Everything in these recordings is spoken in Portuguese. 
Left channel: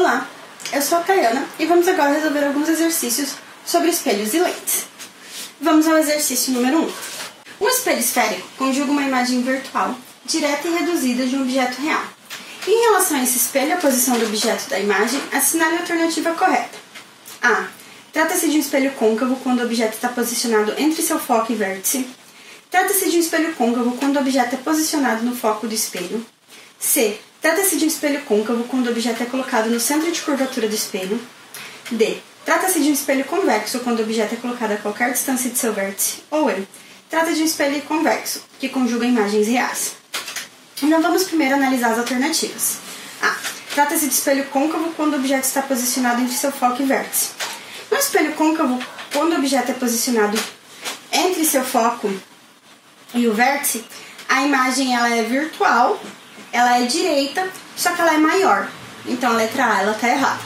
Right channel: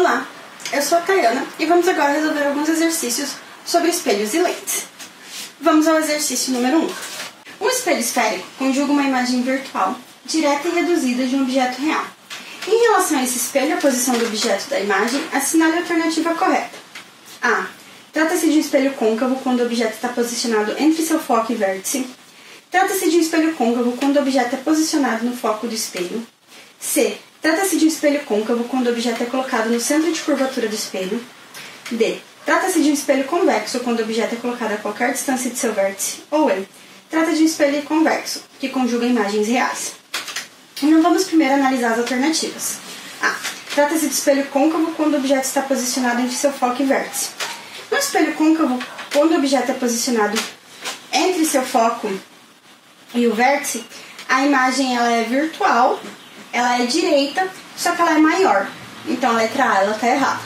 Olá, eu sou a Tayana e vamos agora resolver alguns exercícios sobre espelhos e lentes. Vamos ao exercício número 1. Um espelho esférico conjuga uma imagem virtual, direta e reduzida de um objeto real. Em relação a esse espelho, a posição do objeto da imagem, assinale a alternativa correta. A. Trata-se de um espelho côncavo quando o objeto está posicionado entre seu foco e vértice. Trata-se de um espelho côncavo quando o objeto é posicionado no foco do espelho. C. Trata-se de um espelho côncavo quando o objeto é colocado no centro de curvatura do espelho. D. Trata-se de um espelho convexo quando o objeto é colocado a qualquer distância de seu vértice. Ou E. Trata de um espelho convexo, que conjuga imagens reais. Então vamos primeiro analisar as alternativas. A. Trata-se de espelho côncavo quando o objeto está posicionado entre seu foco e vértice. No espelho côncavo, quando o objeto é posicionado entre seu foco e o vértice, a imagem ela é virtual, ela é direita, só que ela é maior. Então a letra A ela está errada.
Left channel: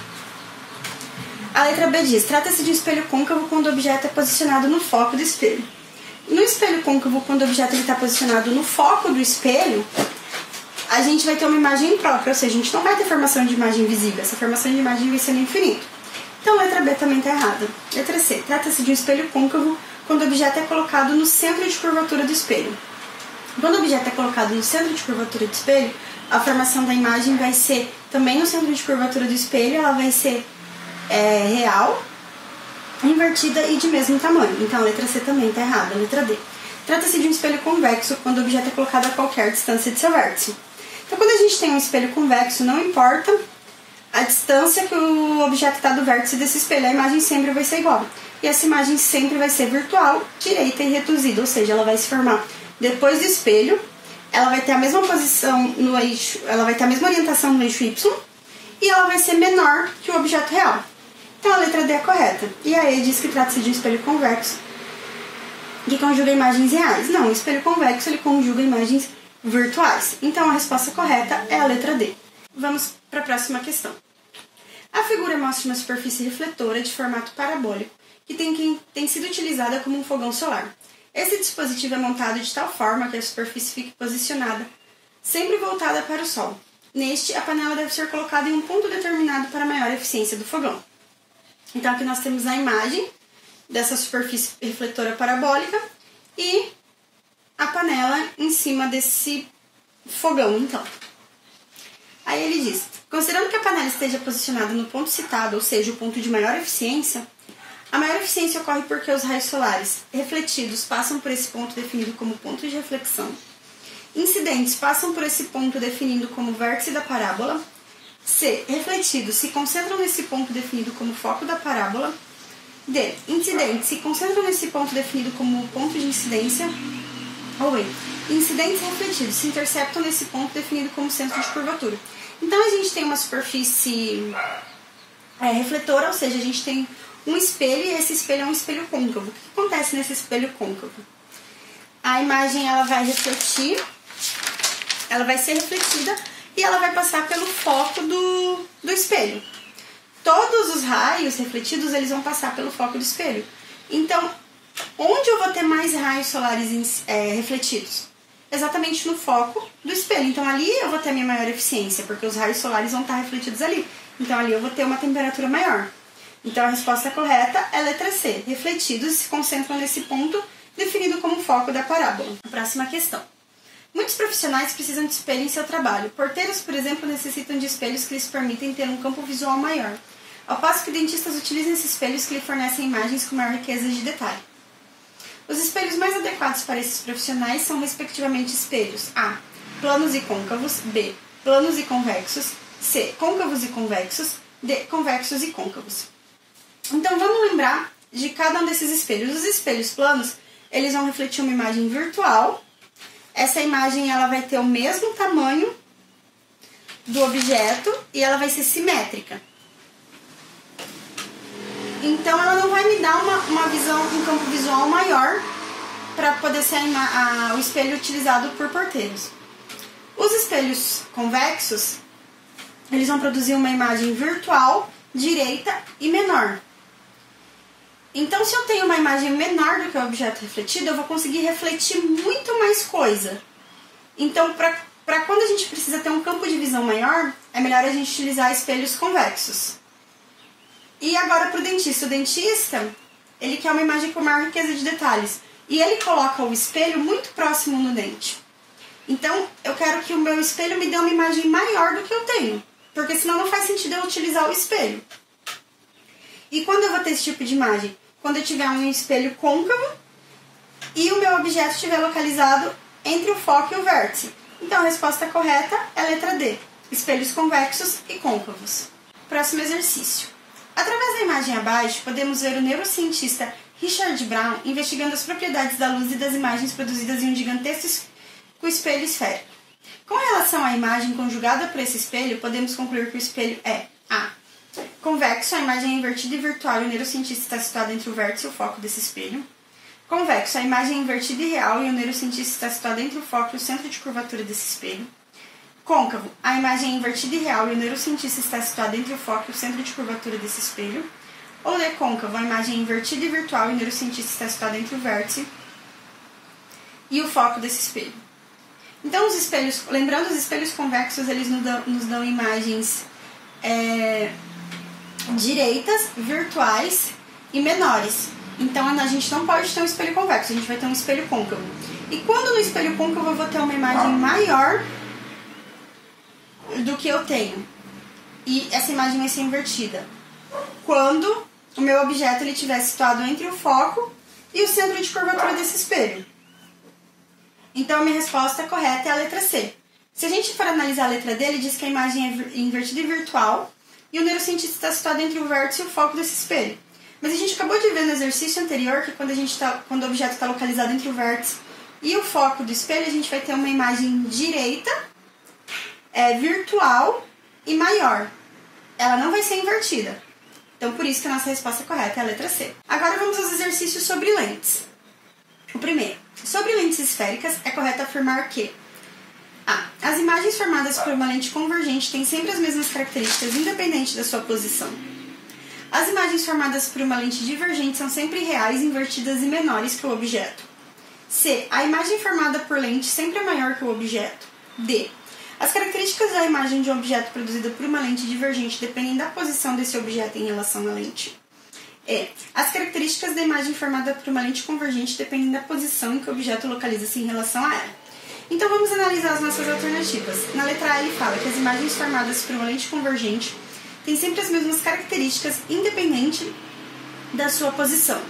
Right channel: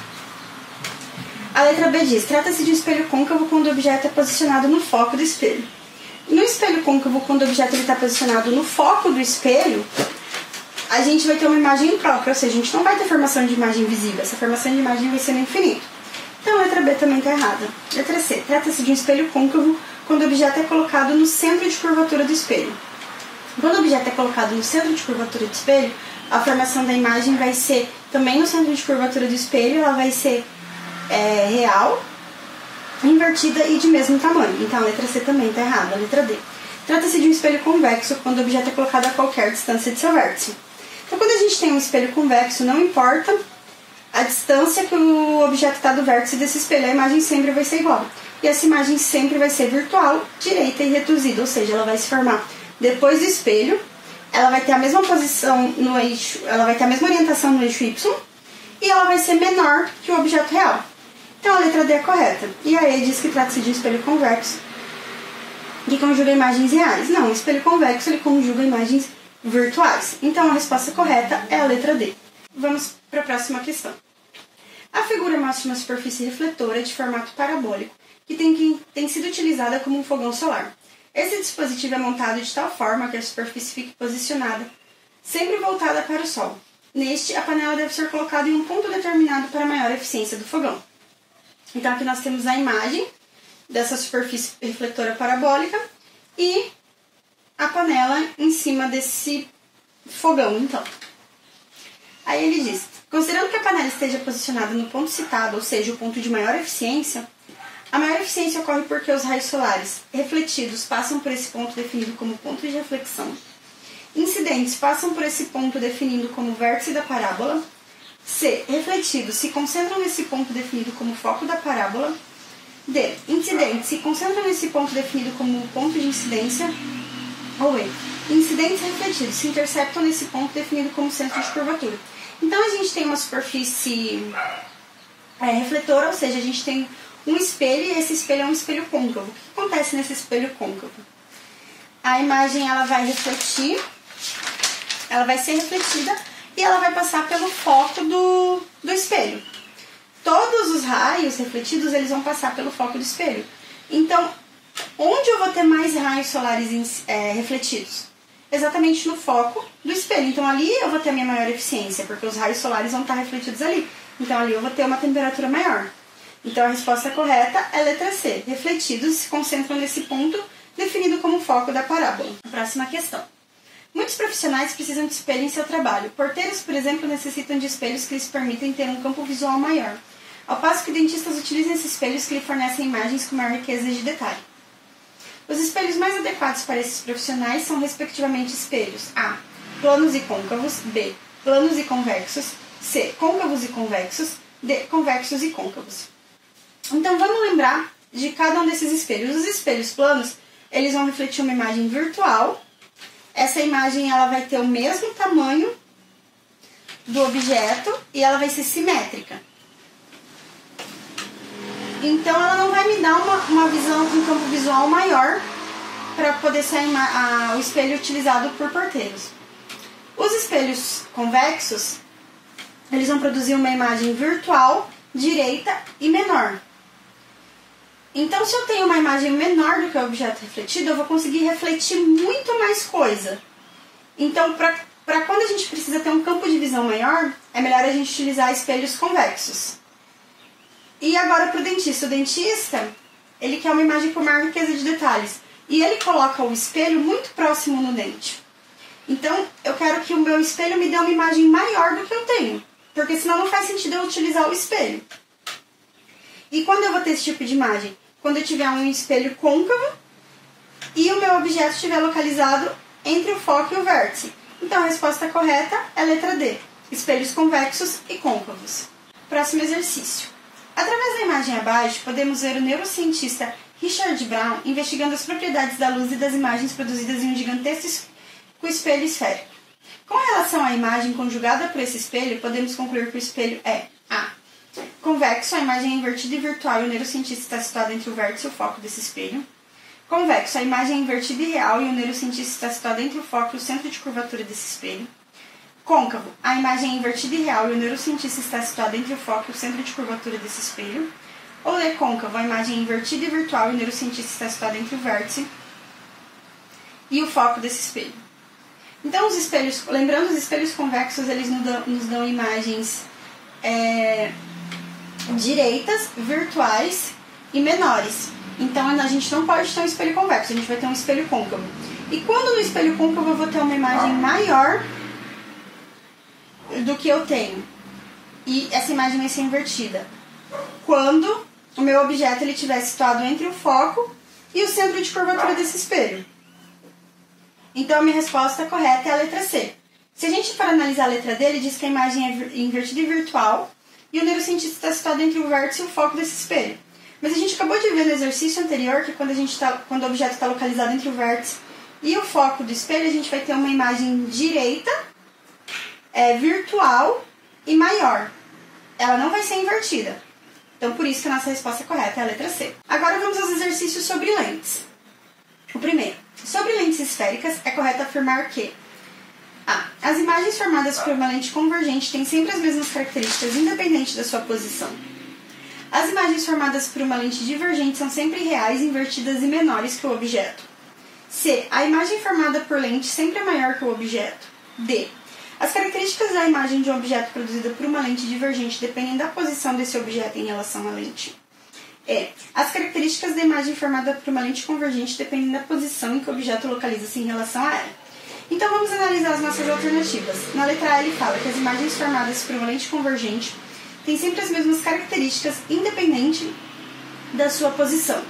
A letra B diz, trata-se de um espelho côncavo quando o objeto é posicionado no foco do espelho. No espelho côncavo, quando o objeto está posicionado no foco do espelho, a gente vai ter uma imagem própria, ou seja, a gente não vai ter formação de imagem visível, essa formação de imagem vai ser no infinito. Então a letra B também está errada. Letra C, trata-se de um espelho côncavo quando o objeto é colocado no centro de curvatura do espelho. Quando o objeto é colocado no centro de curvatura do espelho, a formação da imagem vai ser também no centro de curvatura do espelho, ela vai ser real, invertida e de mesmo tamanho. Então a letra C também está errada. A letra D. Trata-se de um espelho convexo quando o objeto é colocado a qualquer distância de seu vértice. Então quando a gente tem um espelho convexo, não importa a distância que o objeto está do vértice desse espelho, a imagem sempre vai ser igual. E essa imagem sempre vai ser virtual, direita e reduzida, ou seja, ela vai se formar depois do espelho, ela vai ter a mesma posição no eixo, ela vai ter a mesma orientação no eixo Y e ela vai ser menor que o objeto real. Então a letra D é correta. E a E diz que trata-se de um espelho convexo que conjuga imagens reais. Não, o espelho convexo ele conjuga imagens virtuais. Então a resposta correta é a letra D. Vamos para a próxima questão. A figura mostra uma superfície refletora de formato parabólico que tem sido utilizada como um fogão solar. Esse dispositivo é montado de tal forma que a superfície fique posicionada, sempre voltada para o sol. Neste, a panela deve ser colocada em um ponto determinado para maior eficiência do fogão. Então, aqui nós temos a imagem dessa superfície refletora parabólica e a panela em cima desse fogão, então. Aí ele diz, considerando que a panela esteja posicionada no ponto citado, ou seja, o ponto de maior eficiência, a maior eficiência ocorre porque os raios solares refletidos passam por esse ponto definido como ponto de reflexão, incidentes passam por esse ponto definido como vértice da parábola, C. Refletidos se concentram nesse ponto definido como foco da parábola, D. Incidentes se concentram nesse ponto definido como ponto de incidência, ou E. Incidentes refletidos se interceptam nesse ponto definido como centro de curvatura. Então a gente tem uma superfície refletora, ou seja, a gente tem um espelho, e esse espelho é um espelho côncavo. O que acontece nesse espelho côncavo? A imagem ela vai refletir, ela vai ser refletida e ela vai passar pelo foco do espelho. Todos os raios refletidos eles vão passar pelo foco do espelho. Então, onde eu vou ter mais raios solares refletidos? Exatamente no foco do espelho. Então, ali eu vou ter a minha maior eficiência, porque os raios solares vão estar refletidos ali. Então, ali eu vou ter uma temperatura maior. Então, a resposta correta é a letra C. Refletidos se concentram nesse ponto definido como foco da parábola. Próxima questão. Muitos profissionais precisam de espelho em seu trabalho. Porteiros, por exemplo, necessitam de espelhos que lhes permitem ter um campo visual maior, ao passo que dentistas utilizam esses espelhos que lhe fornecem imagens com maior riqueza de detalhe. Os espelhos mais adequados para esses profissionais são, respectivamente, espelhos A. Planos e côncavos, B. Planos e convexos, C. Côncavos e convexos, D. Convexos e côncavos. Então, vamos lembrar de cada um desses espelhos. Os espelhos planos, eles vão refletir uma imagem virtual. Essa imagem ela vai ter o mesmo tamanho do objeto e ela vai ser simétrica. Então, ela não vai me dar uma visão, um campo visual maior para poder ser o espelho utilizado por porteiros. Os espelhos convexos, eles vão produzir uma imagem virtual, direita e menor. Então, se eu tenho uma imagem menor do que o objeto refletido, eu vou conseguir refletir muito mais coisa. Então, para quando a gente precisa ter um campo de visão maior, é melhor a gente utilizar espelhos convexos. E agora para o dentista. O dentista, ele quer uma imagem com maior riqueza de detalhes. E ele coloca o espelho muito próximo no dente. Então, eu quero que o meu espelho me dê uma imagem maior do que eu tenho. Porque senão não faz sentido eu utilizar o espelho. E quando eu vou ter esse tipo de imagem? Quando eu tiver um espelho côncavo e o meu objeto estiver localizado entre o foco e o vértice. Então, a resposta correta é a letra D. Espelhos convexos e côncavos. Próximo exercício. Através da imagem abaixo, podemos ver o neurocientista Richard Brown investigando as propriedades da luz e das imagens produzidas em um gigantesco espelho esférico. Com relação à imagem conjugada por esse espelho, podemos concluir que o espelho é A. Convexo, a imagem é invertida e virtual e o neurocientista está situado entre o vértice e o foco desse espelho. Convexo, a imagem é invertida e real e o neurocientista está situado entre o foco e o centro de curvatura desse espelho. Côncavo, a imagem é invertida e real e o neurocientista está situado entre o foco e o centro de curvatura desse espelho. Ou D, côncavo, a imagem é invertida e virtual e o neurocientista está situado entre o vértice e o foco desse espelho. Então, os espelhos, lembrando, os espelhos convexos, eles nos dão imagens direitas, virtuais e menores. Então, a gente não pode ter um espelho convexo, a gente vai ter um espelho côncavo. E quando no espelho côncavo eu vou ter uma imagem maior do que eu tenho, e essa imagem vai ser invertida? Quando o meu objeto estiver situado entre o foco e o centro de curvatura desse espelho. Então, a minha resposta correta é a letra C. Se a gente for analisar a letra D, ele diz que a imagem é invertida e virtual e o neurocientista está situado entre o vértice e o foco desse espelho. Mas a gente acabou de ver no exercício anterior que quando o objeto está localizado entre o vértice e o foco do espelho, a gente vai ter uma imagem direita, virtual e maior. Ela não vai ser invertida. Então, por isso que a nossa resposta correta é a letra C. Agora vamos aos exercícios sobre lentes. O primeiro. Sobre lentes esféricas, é correto afirmar que A. As imagens formadas por uma lente convergente têm sempre as mesmas características, independente da sua posição. As imagens formadas por uma lente divergente são sempre reais, invertidas e menores que o objeto. C. A imagem formada por lente sempre é maior que o objeto. D. As características da imagem de um objeto produzida por uma lente divergente dependem da posição desse objeto em relação à lente. E. As características da imagem formada por uma lente convergente dependem da posição em que o objeto localiza-se em relação a ela. Então, vamos analisar as nossas alternativas. Na letra A, ele fala que as imagens formadas por uma lente convergente têm sempre as mesmas características, independente da sua posição.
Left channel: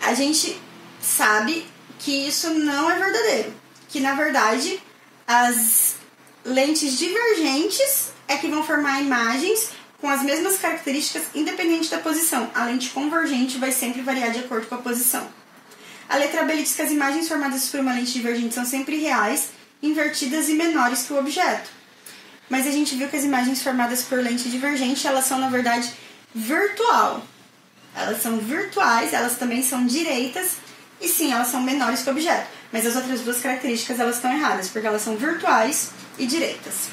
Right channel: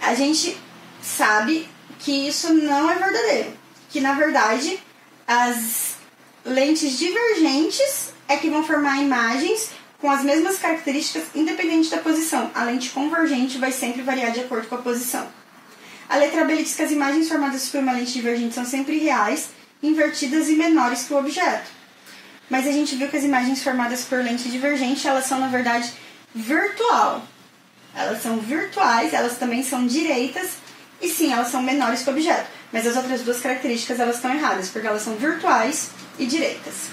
A gente sabe que isso não é verdadeiro, que, na verdade, as lentes divergentes é que vão formar imagens com as mesmas características, independente da posição. A lente convergente vai sempre variar de acordo com a posição. A letra B diz que as imagens formadas por uma lente divergente são sempre reais, invertidas e menores que o objeto. Mas a gente viu que as imagens formadas por lente divergente, elas são, na verdade, virtual. Elas são virtuais, elas também são direitas, e sim, elas são menores que o objeto. Mas as outras duas características, elas estão erradas, porque elas são virtuais e direitas.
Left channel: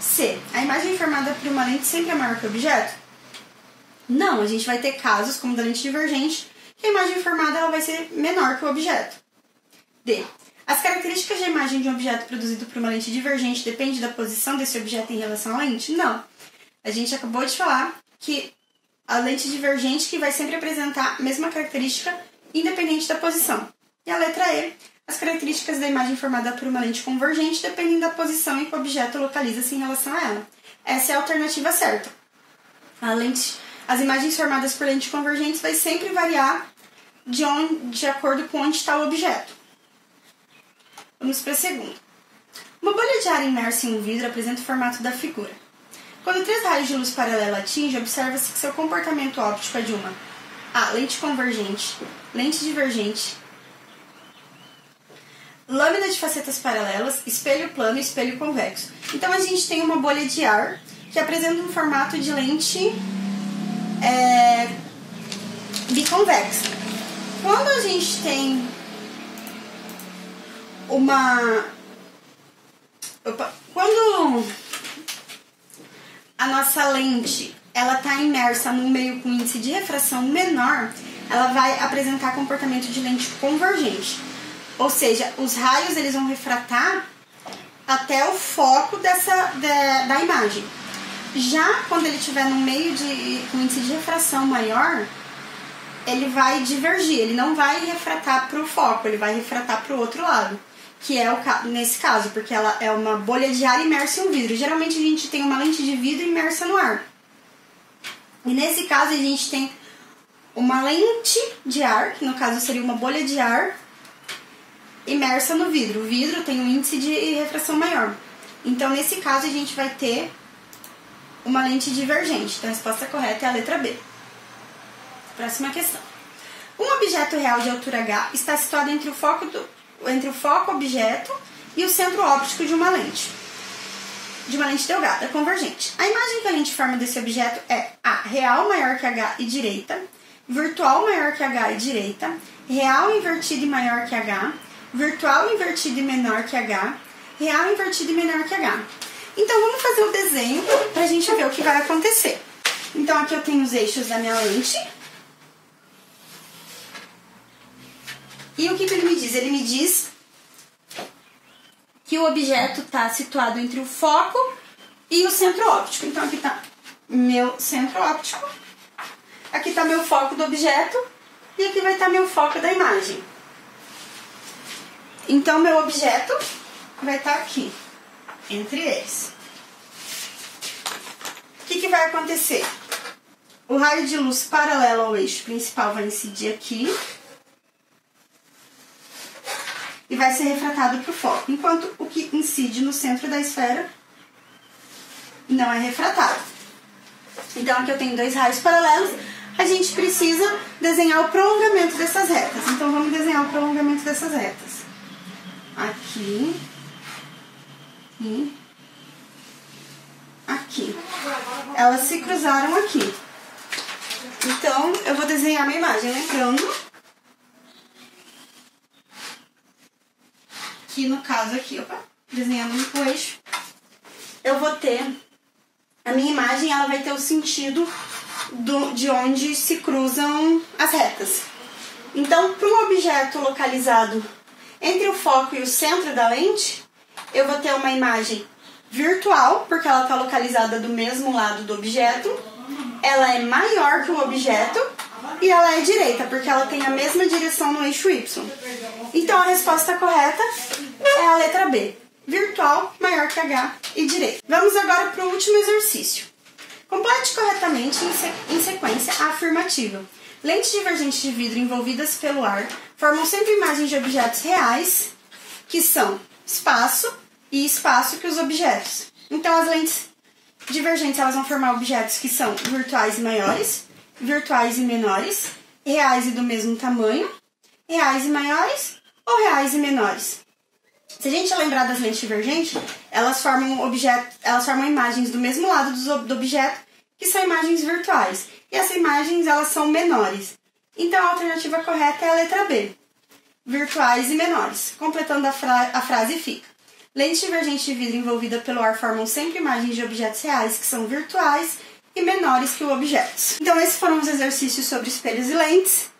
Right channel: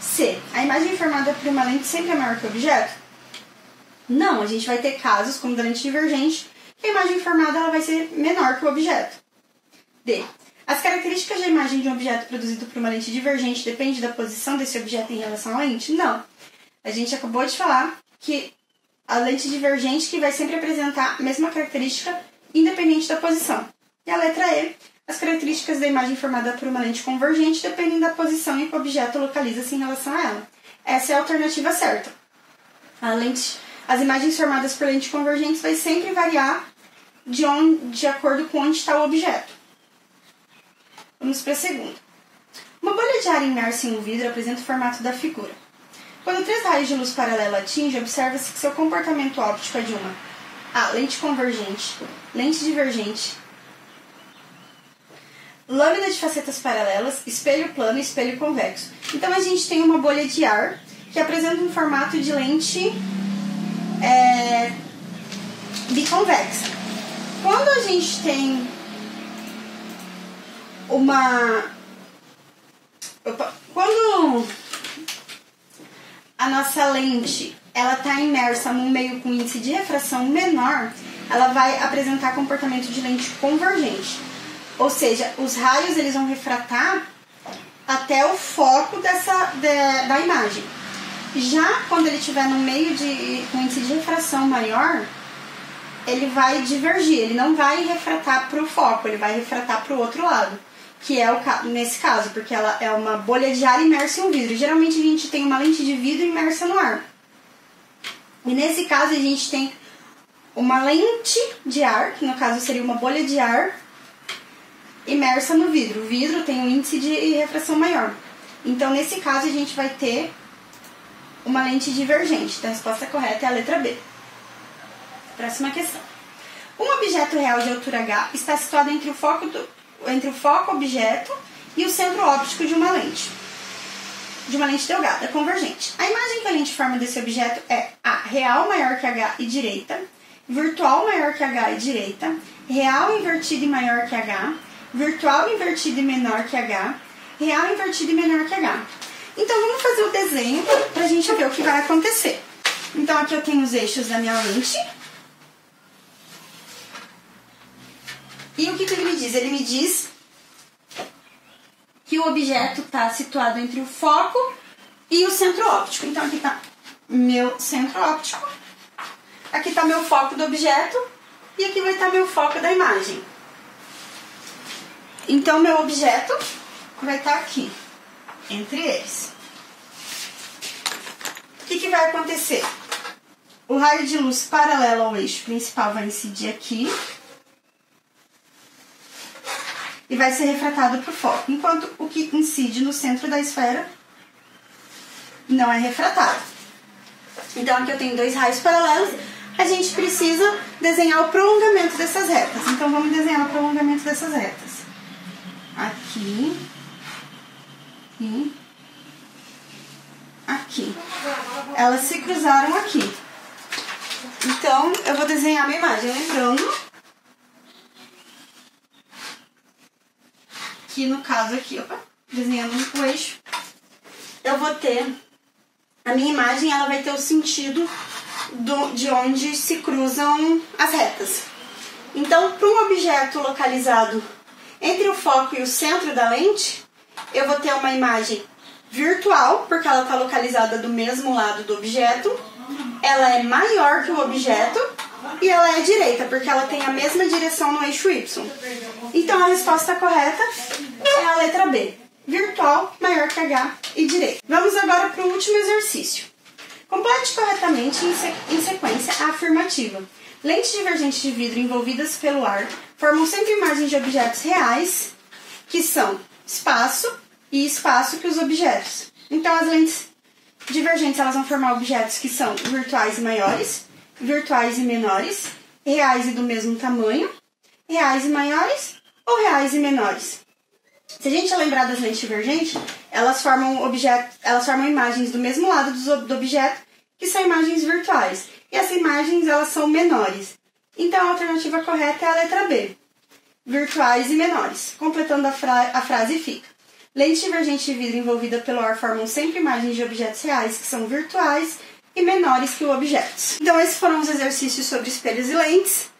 C. A imagem formada por uma lente sempre é maior que o objeto? Não, a gente vai ter casos, como da lente divergente, que a imagem formada ela vai ser menor que o objeto. D. As características da imagem de um objeto produzido por uma lente divergente dependem da posição desse objeto em relação à lente? Não. A gente acabou de falar que a lente divergente que vai sempre apresentar a mesma característica independente da posição. E a letra E. As características da imagem formada por uma lente convergente dependem da posição em que o objeto localiza-se em relação a ela. Essa é a alternativa certa. As imagens formadas por lentes convergentes vai sempre variar de acordo com onde está o objeto. Vamos para a segunda. Uma bolha de ar imersa em um vidro apresenta o formato da figura. Quando 3 raios de luz paralela atingem, observa-se que seu comportamento óptico é de uma A. Lente convergente, lente divergente, lâmina de facetas paralelas, espelho plano e espelho convexo. Então, a gente tem uma bolha de ar que apresenta um formato de lente biconvexa. Quando a gente tem quando a nossa lente ela está imersa num meio com índice de refração menor, ela vai apresentar comportamento de lente convergente. Ou seja, os raios eles vão refratar até o foco da imagem. Já quando ele estiver no meio com índice de refração maior, ele vai divergir, ele não vai refratar para o foco, ele vai refratar para o outro lado, que é nesse caso, porque ela é uma bolha de ar imersa em um vidro. Geralmente a gente tem uma lente de vidro imersa no ar. E nesse caso a gente tem uma lente de ar, que no caso seria uma bolha de ar imersa no vidro. O vidro tem um índice de refração maior. Então nesse caso a gente vai ter uma lente divergente. Então a resposta correta é a letra B. Próxima questão. Um objeto real de altura h está situado entre o foco objeto e o centro óptico de uma lente delgada, convergente. A imagem que a lente forma desse objeto é A, real maior que h e direita, virtual maior que h e direita, real invertida e maior que h, virtual invertida e menor que h, real invertida e menor que h. Então vamos fazer o desenho para a gente ver o que vai acontecer. Então aqui eu tenho os eixos da minha lente. E o que ele me diz? Ele me diz que o objeto está situado entre o foco e o centro óptico. Então aqui está meu centro óptico, aqui está meu foco do objeto e aqui vai estar meu foco da imagem. Então meu objeto vai estar aqui, entre eles. O que vai acontecer? O raio de luz paralelo ao eixo principal vai incidir aqui e vai ser refratado para o foco, enquanto o que incide no centro da esfera não é refratado. Então aqui eu tenho dois raios paralelos, a gente precisa desenhar o prolongamento dessas retas. Então vamos desenhar o prolongamento dessas retas. Aqui e aqui. Elas se cruzaram aqui. Então eu vou desenhar minha imagem, lembrando que no caso aqui, desenhando o eixo, eu vou ter, a minha imagem ela vai ter o sentido de onde se cruzam as retas. Então, para um objeto localizado entre o foco e o centro da lente, eu vou ter uma imagem virtual, porque ela está localizada do mesmo lado do objeto, ela é maior que o objeto e ela é direita, porque ela tem a mesma direção no eixo Y. Então a resposta correta é a letra B, virtual maior que H e direita. Vamos agora para o último exercício. Complete corretamente em sequência a afirmativa. Lentes divergentes de vidro envolvidas pelo ar formam sempre imagens de objetos reais, que são espaço e espaço que os objetos. Então as lentes divergentes elas vão formar objetos que são virtuais e maiores, virtuais e menores, reais e do mesmo tamanho, reais e maiores ou reais e menores. Se a gente lembrar das lentes divergentes, elas formam imagens do mesmo lado do objeto, que são imagens virtuais. E essas imagens elas são menores. Então a alternativa correta é a letra B, virtuais e menores. Completando a frase fica: lentes divergentes de vidro envolvida pelo ar formam sempre imagens de objetos reais que são virtuais e menores que o objeto. Então esses foram os exercícios sobre espelhos e lentes.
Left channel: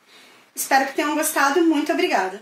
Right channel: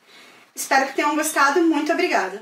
Espero que tenham gostado. Muito obrigada!